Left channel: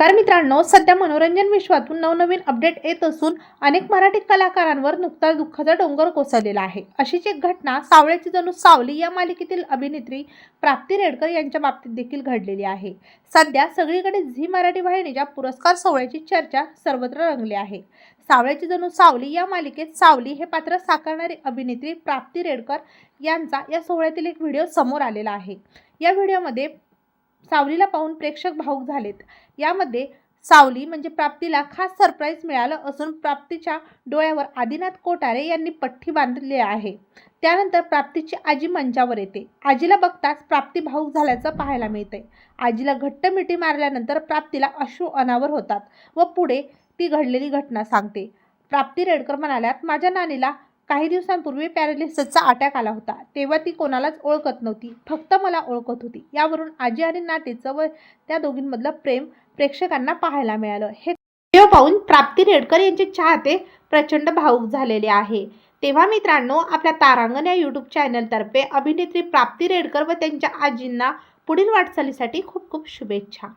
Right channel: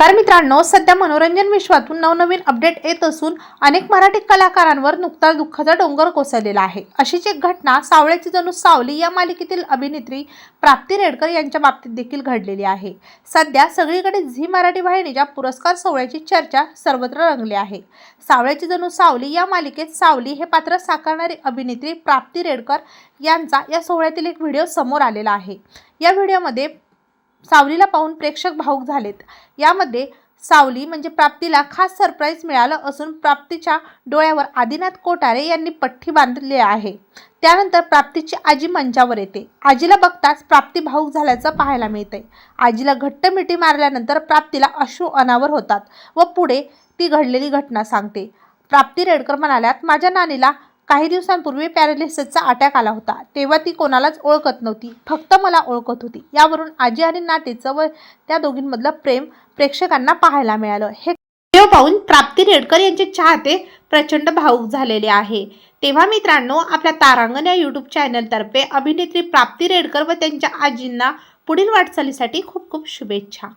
कारण मित्रांनो सध्या मनोरंजन विश्वातून नवनवीन अपडेट येत असून अनेक मराठी कलाकारांवर नुकताच दुःखाचा डोंगर कोसळलेला आहे. अशीच एक घटना सावळ्याची जणू सावली या मालिकेतील अभिनेत्री प्राप्ती रेडकर यांच्या बाबतीत देखील घडलेली आहे. सध्या सगळीकडे झी मराठी वाहिनीच्या पुरस्कार सोहळ्याची चर्चा सर्वत्र रंगली आहे. सावळ्याची जणू सावली या मालिकेत सावली हे पात्र साकारणारी अभिनेत्री प्राप्ती रेडकर यांचा या सोहळ्यातील एक व्हिडिओ समोर आलेला आहे. या व्हिडिओमध्ये सावलीला पाहून प्रेक्षक भाऊक झालेत. यामध्ये सावली म्हणजे प्राप्तीला खास सरप्राईज मिळालं असून प्राप्तीच्या डोळ्यावर आदिनाथ कोटारे यांनी पठ्ठी बांधली आहे. त्यानंतर प्राप्तीची आजी मंचावर येते. आजीला बघताच प्राप्ती भाऊक झाल्याचं पाहायला मिळते आजीला घट्ट मिठी मारल्यानंतर प्राप्तीला अश्रू अनावर होतात व पुढे ती घडलेली घटना सांगते. प्राप्ती रेडकर म्हणाल्यात माझ्या नानीला काही दिवसांपूर्वी पॅरालिसिसचा अटॅक आला होता. तेव्हा ती कोणालाच ओळखत नव्हती. फक्त मला ओळखत होती. यावरून आजी आणि नातेचं व त्या दोघींमधलं प्रेम प्रेक्षकांना पाहायला मिळालं. हे व्हिडिओ पाहून प्राप्ती रेडकर यांचे चाहते प्रचंड भावूक झालेले आहे. तेव्हा मित्रांनो आपल्या तारांगण या यूट्यूब चॅनलतर्फे अभिनेत्री प्राप्ती रेडकर व त्यांच्या आजींना पुढील वाटचालीसाठी खूप खूप शुभेच्छा.